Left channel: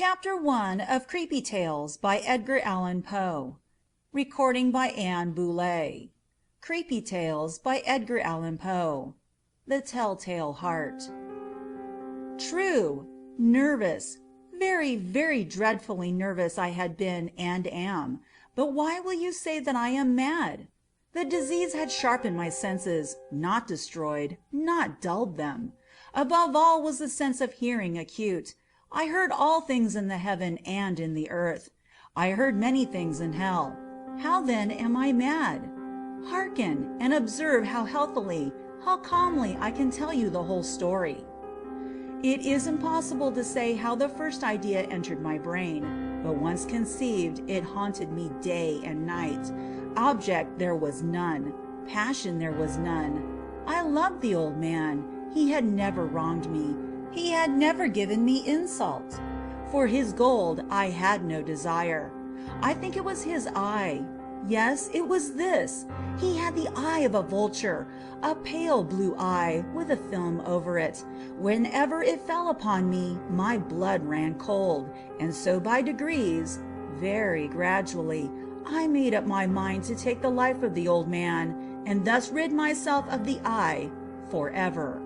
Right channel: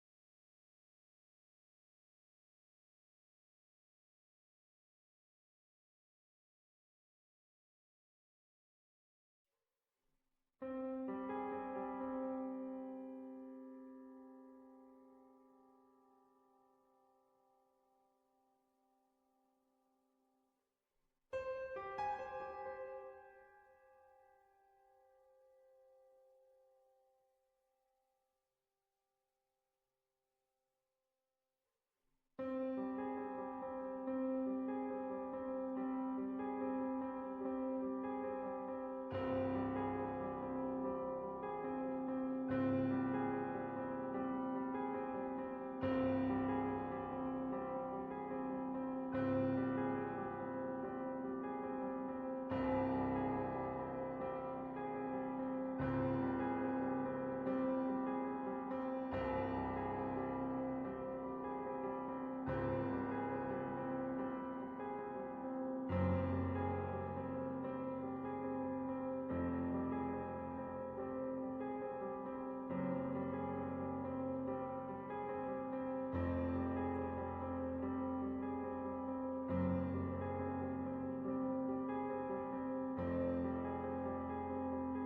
Chapter 1 of Creepy Tales by Edgar Allan Poe. Recording by Anne Boulay. Creepy Tales by Edgar Allan Poe. The Telltale Heart. True. Nervous. Very, very dreadfully nervous I had been and am. But why will you say that I am mad? The disease had sharpened my senses, not destroyed, not dulled them. Above all was the sense of hearing acute. I heard all things in the heaven and in the earth. I heard many things in hell. How then am I mad? Hearken, and observe how healthily, how calmly I can tell you the whole story. It is impossible to say how the first idea entered my brain, but once conceived, it haunted me day and night. Object there was none. Passion there was none. I loved the old man. He had never wronged me. He had never given me insult. For his gold I had no desire. I think it was his eye. Yes, it was this. He had the eye of a vulture, a pale blue eye with a film over it. Whenever it fell upon me, my blood ran cold, and so by degrees, very gradually, I made up my mind to take the life of the old man, and thus rid myself of the eye forever.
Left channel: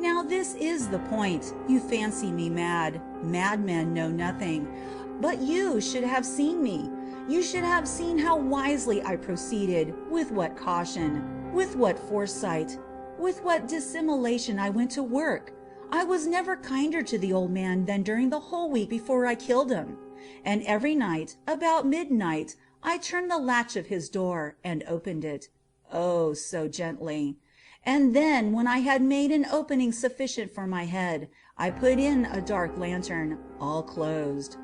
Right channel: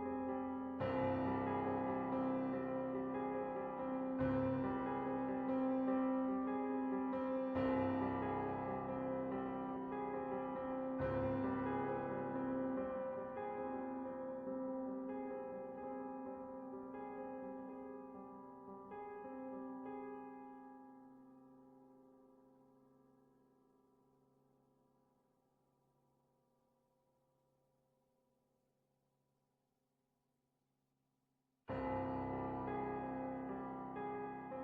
Now this is the point. You fancy me mad. Madmen know nothing. But you should have seen me. You should have seen how wisely I proceeded, with what caution, with what foresight, with what dissimulation I went to work. I was never kinder to the old man than during the whole week before I killed him. And every night, about midnight, I turned the latch of his door and opened it. Oh, so gently. And then, when I had made an opening sufficient for my head, I put in a dark lantern, all closed,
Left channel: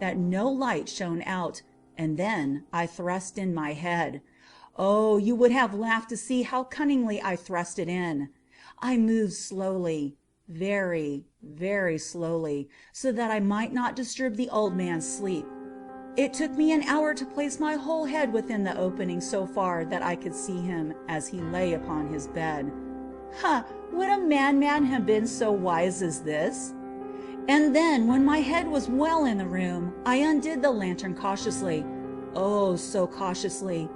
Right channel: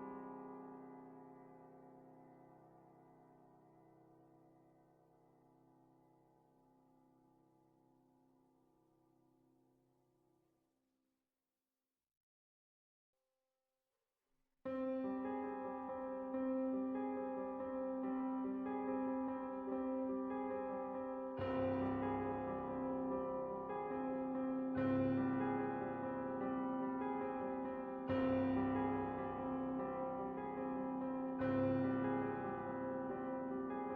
that no light shone out, and then I thrust in my head. Oh, you would have laughed to see how cunningly I thrust it in. I moved slowly, very, very slowly, so that I might not disturb the old man's sleep. It took me an hour to place my whole head within the opening so far that I could see him as he lay upon his bed. Ha! Would a madman have been so wise as this? And then, when my head was well in the room, I undid the lantern cautiously. Oh, so cautiously,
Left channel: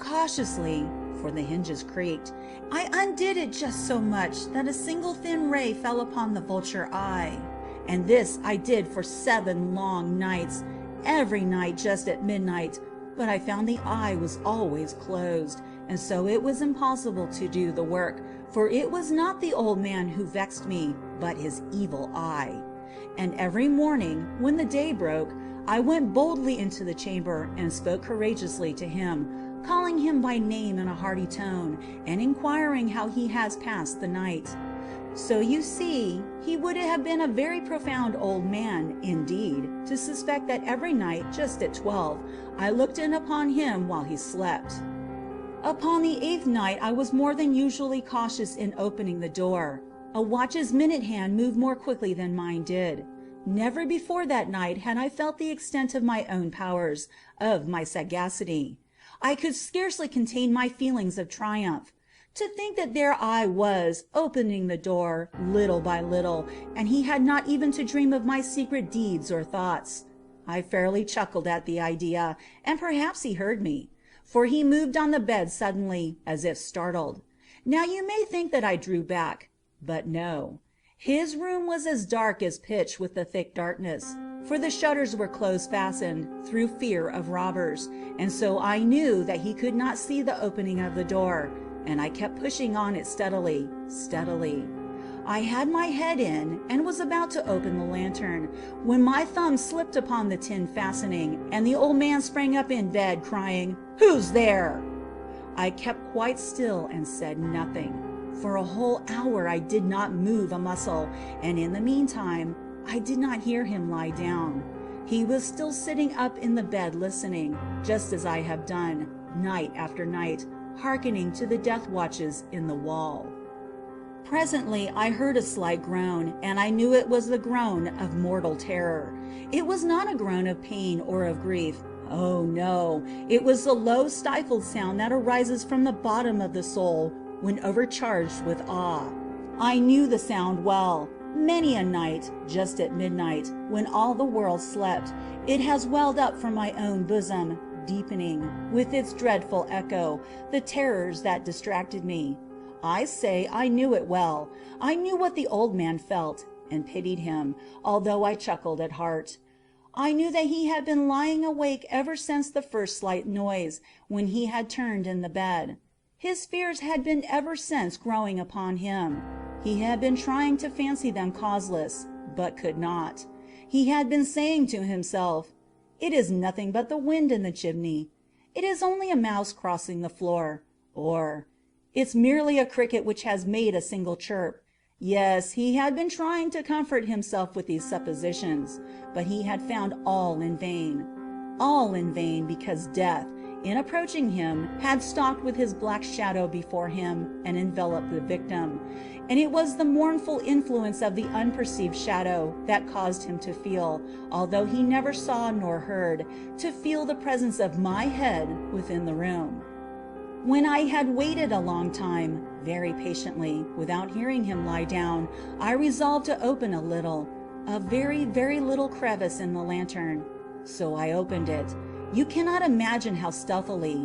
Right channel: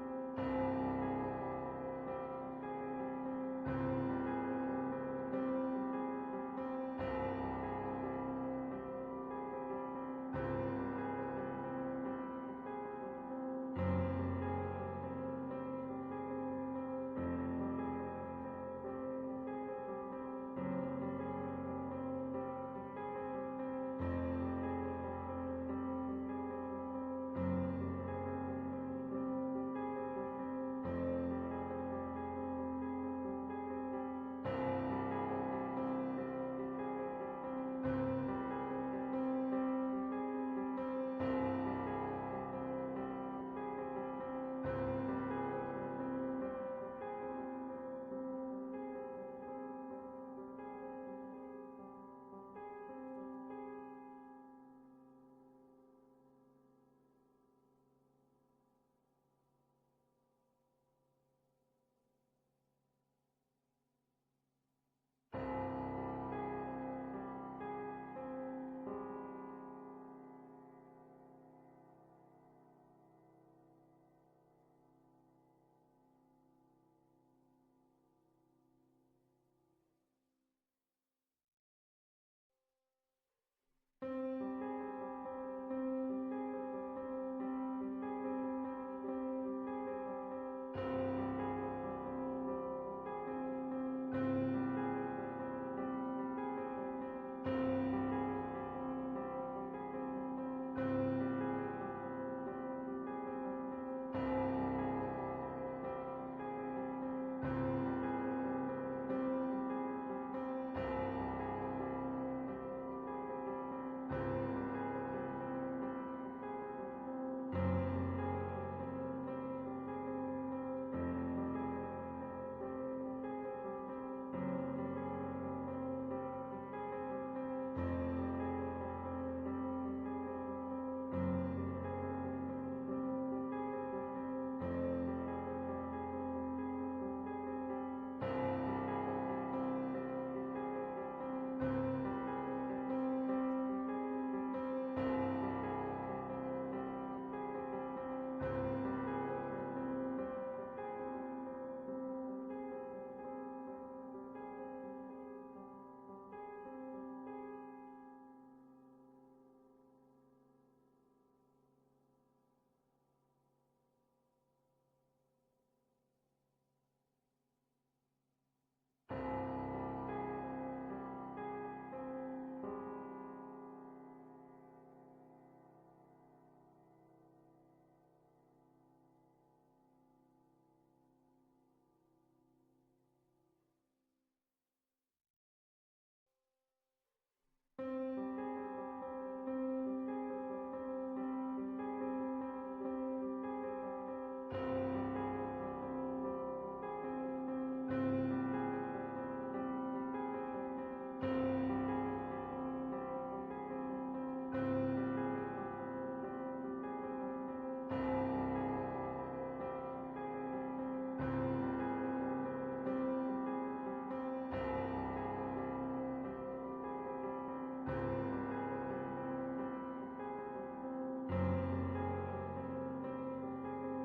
for the hinges creaked. I undid it just so much that a single thin ray fell upon the vulture-eye. And this I did for 7 long nights, every night just at midnight, but I found the eye was always closed, and so it was impossible to do the work, for it was not the old man who vexed me, but his evil eye. And every morning, when the day broke, I went boldly into the chamber and spoke courageously to him, calling him by name in a hearty tone, and inquiring how he has passed the night. So you see, he would have been a very profound old man, indeed, to suspect that every night, just at 12, I looked in upon him while he slept. Upon the 8th night I was more than usually cautious in opening the door. A watch's minute hand moved more quickly than mine did. Never before that night had I felt the extent of my own powers, of my sagacity. I could scarcely contain my feelings of triumph. To think that there I was, opening the door, little by little, and he had not even to dream of my secret deeds or thoughts. I fairly chuckled at the idea, and perhaps he heard me, for he moved on the bed suddenly, as if startled. Now you may think that I drew back, but no. His room was as dark as pitch with the thick darkness, for the shutters were close-fastened, through fear of robbers, and so I knew that he could not see the opening of the door, and I kept pushing on it steadily. I had my head in, and was about to open the lantern, when my thumb slipped upon the tin fastening, and the old man sprang up in bed, crying, "Who's there?" I kept quite still and said nothing. For a whole hour I did not move a muscle, and in the meantime I did not hear him lie down. He was still sitting up in the bed listening, just as I have done, night after night, hearkening to the death watches in the wall. Presently I heard a slight groan, and I knew it was the groan of mortal terror. It was not a groan of pain or of grief. Oh no, it was the low stifled sound that arises from the bottom of the soul when overcharged with awe. I knew the sound well. Many a night, just at midnight, when all the world slept, it has welled up from my own bosom, deepening, with its dreadful echo, the terrors that distracted me. I say I knew it well. I knew what the old man felt, and pitied him, although I chuckled at heart. I knew that he had been lying awake ever since the first slight noise, when he had turned in the bed. His fears had been ever since growing upon him. He had been trying to fancy them causeless, but could not. He had been saying to himself, "It is nothing but the wind in the chimney. It is only a mouse crossing the floor," or "It's merely a cricket which has made a single chirp." Yes, he had been trying to comfort himself with these suppositions, but he had found all in vain. All in vain, because death, in approaching him, had stalked with his black shadow before him and enveloped the victim, and it was the mournful influence of the unperceived shadow that caused him to feel, although he never saw nor heard, to feel the presence of my head within the room. When I had waited a long time, very patiently, without hearing him lie down, I resolved to open a little, a very, very little crevice in the lantern. So I opened it. You cannot imagine how stealthily,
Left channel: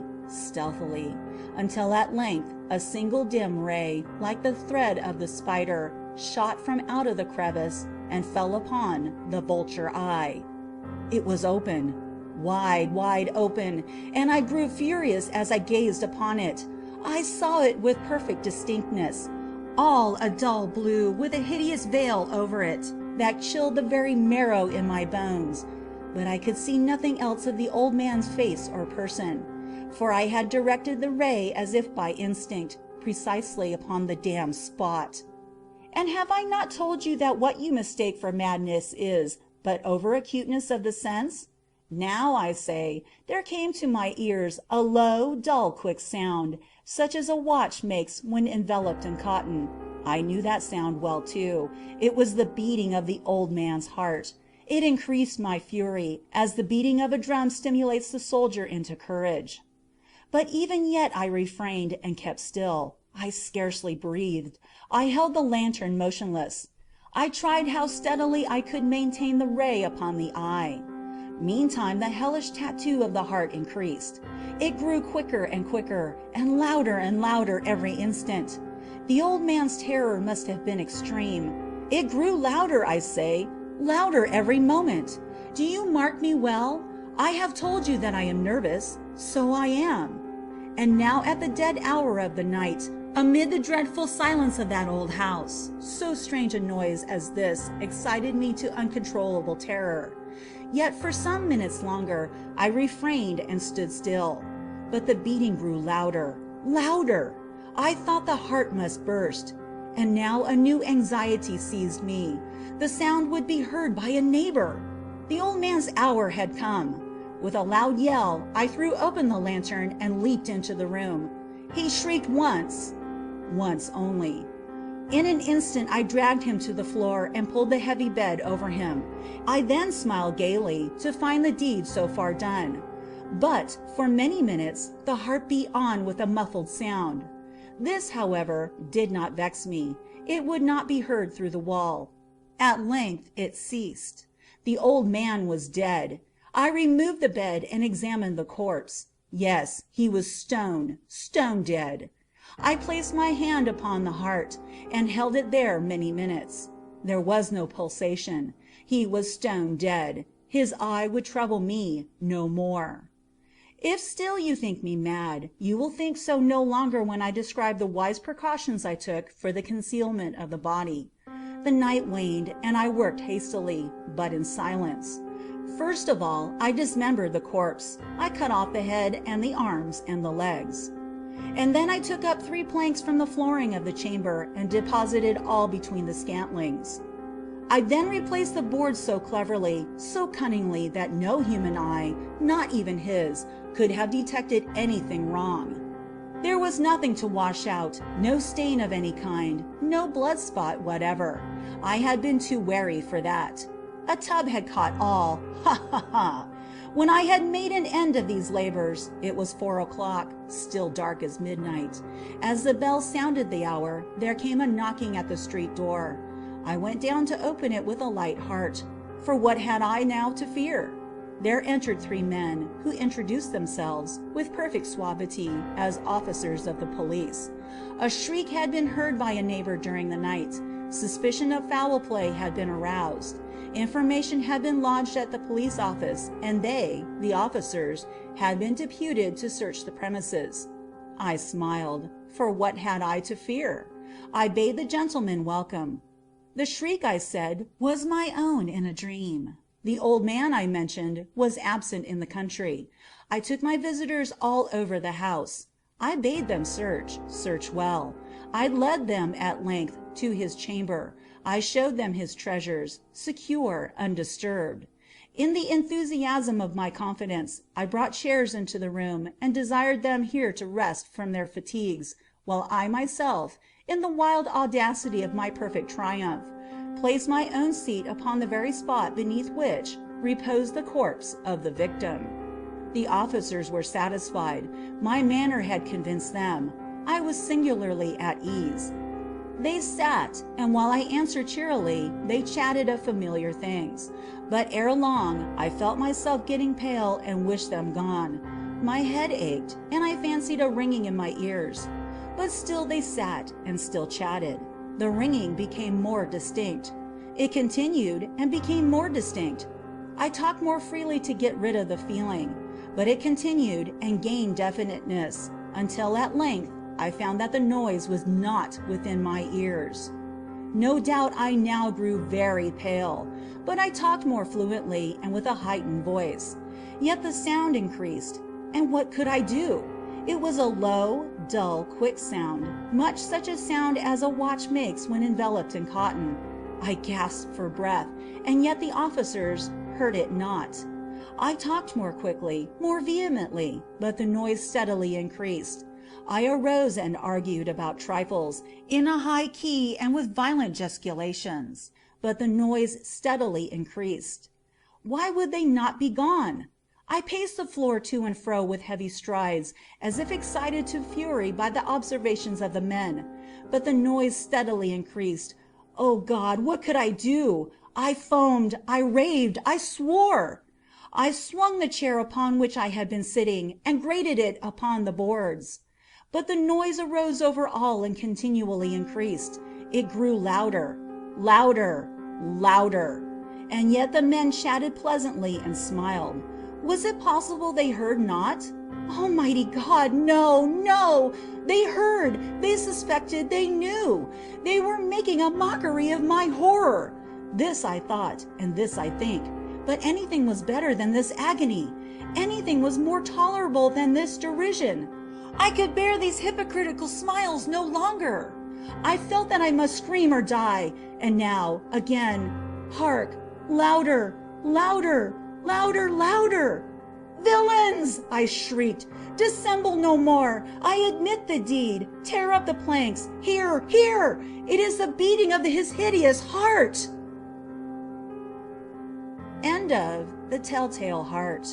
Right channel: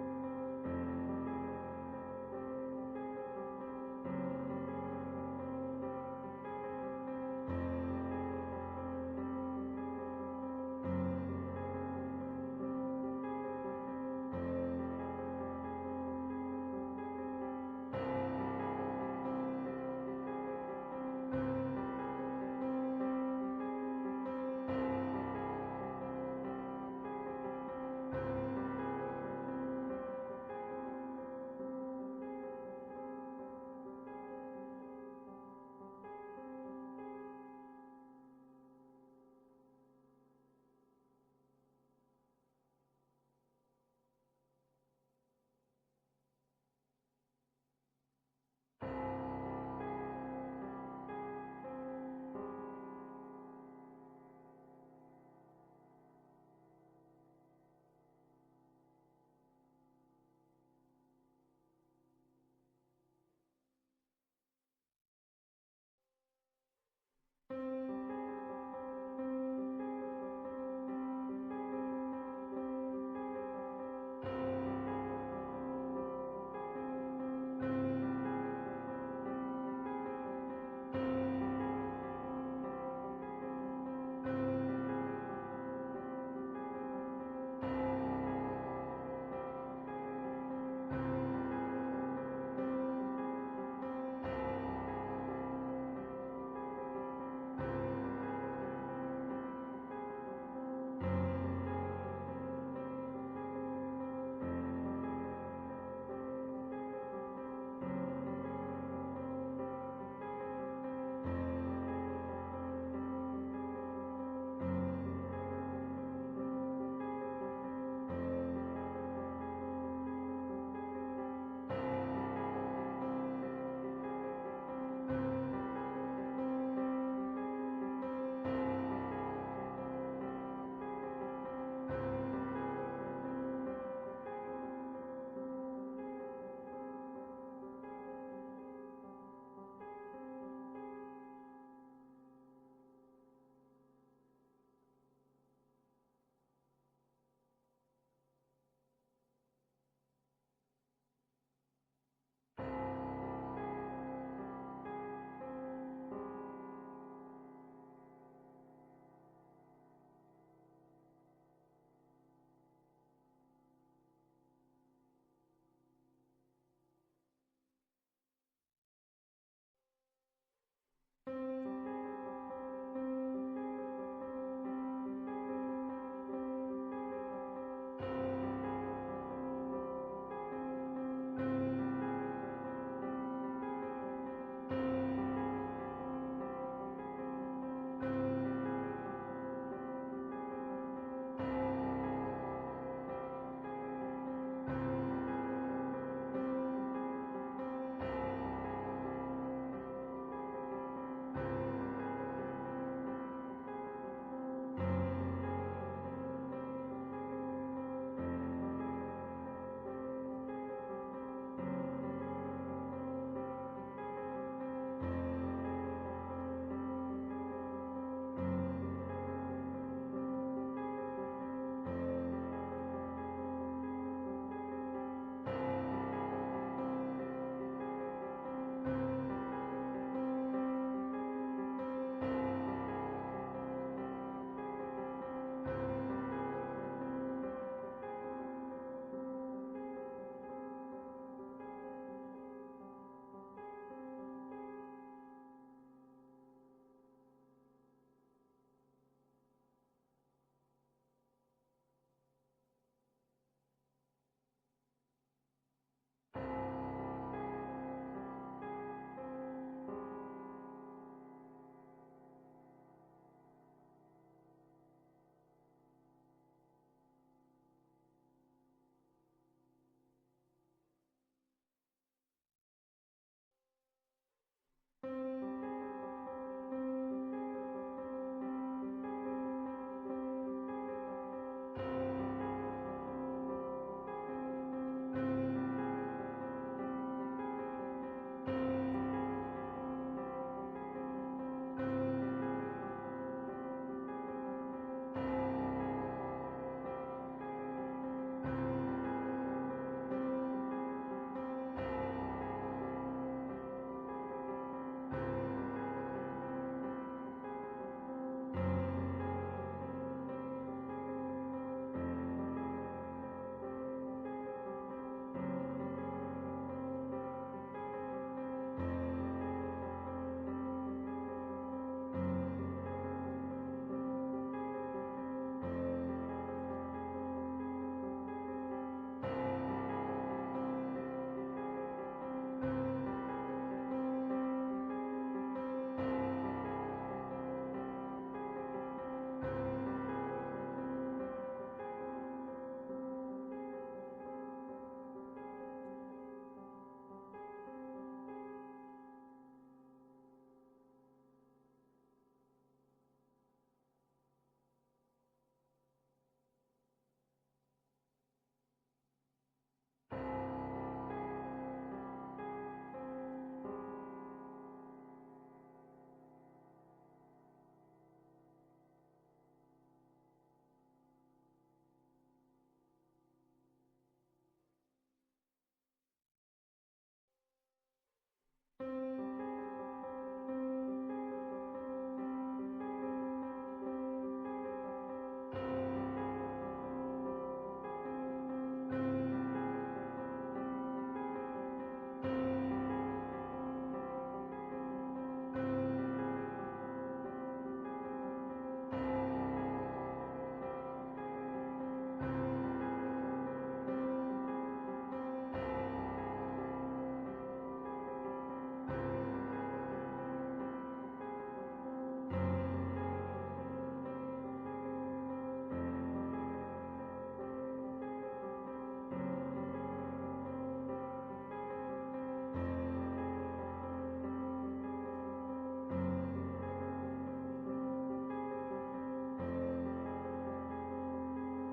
until at length a single dim ray, like the thread of the spider, shot from out of the crevice and fell upon the vulture-eye. It was open, wide, wide open, and I grew furious as I gazed upon it. I saw it with perfect distinctness, all a dull blue with a hideous veil over it that chilled the very marrow in my bones. But I could see nothing else of the old man's face or person, for I had directed the ray as if by instinct, precisely upon the damned spot. And have I not told you that what you mistake for madness is but over-acuteness of the sense? Now, I say, there came to my ears a low, dull, quick sound, such as a watch makes when enveloped in cotton. I knew that sound well, too. It was the beating of the old man's heart. It increased my fury, as the beating of a drum stimulates the soldier into courage. But even yet I refrained and kept still. I scarcely breathed. I held the lantern motionless. I tried how steadily I could maintain the ray upon the eye. Meantime the hellish tattoo of the heart increased. It grew quicker and quicker, and louder every instant. The old man's terror must have been extreme. It grew louder, I say, louder every moment. Do you mark me well? I have told you that I am nervous. So I am. And now at the dead hour of the night, amid the dreadful silence of that old house, so strange a noise as this excited me to uncontrollable terror. Yet for some minutes longer I refrained and stood still. But the beating grew louder. I thought the heart must burst. And now a new anxiety seized me. The sound would be heard by a neighbor. The old man's hour had come. With a loud yell, I threw open the lantern and leaped into the room. He shrieked once only. In an instant I dragged him to the floor and pulled the heavy bed over him. I then smiled gaily to find the deed so far done. But for many minutes the heart beat on with a muffled sound. This, however, did not vex me. It would not be heard through the wall. At length it ceased. The old man was dead. I removed the bed and examined the corpse. Yes, he was stone dead. I placed my hand upon the heart and held it there many minutes. There was no pulsation. He was stone dead. His eye would trouble me no more. If still you think me mad, you will think so no longer when I describe the wise precautions I took for the concealment of the body. The night waned, and I worked hastily, but in silence. First of all, I dismembered the corpse. I cut off the head and the arms and the legs. And then I took up 3 planks from the flooring of the chamber and deposited all between the scantlings. I then replaced the boards so cleverly, so cunningly, that no human eye, not even his, could have detected anything wrong. There was nothing to wash out, no stain of any kind, no blood spot whatever. I had been too wary for that. A tub had caught all. Ha ha ha! When I had made an end of these labors, it was 4 o'clock, still dark as midnight. As the bell sounded the hour, there came a knocking at the street door. I went down to open it with a light heart, for what had I now to fear? There entered 3 men, who introduced themselves, with perfect suavity, as officers of the police. A shriek had been heard by a neighbor during the night. Suspicion of foul play had been aroused. Information had been lodged at the police office, and they, the officers, had been deputed to search the premises. I smiled, for what had I to fear? I bade the gentlemen welcome. The shriek, I said, was my own in a dream. The old man I mentioned was absent in the country. I took my visitors all over the house. I bade them search well. I led them at length to his chamber. I showed them his treasures, secure, undisturbed. In the enthusiasm of my confidence, I brought chairs into the room and desired them here to rest from their fatigues, while I myself, in the wild audacity of my perfect triumph, placed my own seat upon the very spot beneath which reposed the corpse of the victim. The officers were satisfied. My manner had convinced them. I was singularly at ease. They sat, and while I answered cheerily, they chatted of familiar things. But ere long I felt myself getting pale and wished them gone. My head ached, and I fancied a ringing in my ears. But still they sat and still chatted. The ringing became more distinct. It continued and became more distinct. I talked more freely to get rid of the feeling, but it continued and gained definiteness, until at length I found that the noise was not within my ears. No doubt I now grew very pale, but I talked more fluently and with a heightened voice. Yet the sound increased, and what could I do? It was a low, dull, quick sound, much such a sound as a watch makes when enveloped in cotton. I gasped for breath, and yet the officers heard it not. I talked more quickly, more vehemently, but the noise steadily increased. I arose and argued about trifles, in a high key and with violent gesticulations, but the noise steadily increased. Why would they not be gone? I paced the floor to and fro with heavy strides, as if excited to fury by the observations of the men, but the noise steadily increased. Oh God, what could I do? I foamed, I raved, I swore. I swung the chair upon which I had been sitting, and grated it upon the boards. But the noise arose over all and continually increased. It grew louder, louder, louder. And yet the men chatted pleasantly and smiled. Was it possible they heard not? Almighty God, no, no! They heard, they suspected, they knew. They were making a mockery of my horror. This I thought, and this I think. But anything was better than this agony. Anything was more tolerable than this derision. I could bear these hypocritical smiles no longer. I felt that I must scream or die. And now, again, hark, louder, louder, louder, louder. Villains! I shrieked. Dissemble no more. I admit the deed. Tear up the planks. Here, here! It is the beating of his hideous heart. End of The Telltale Heart.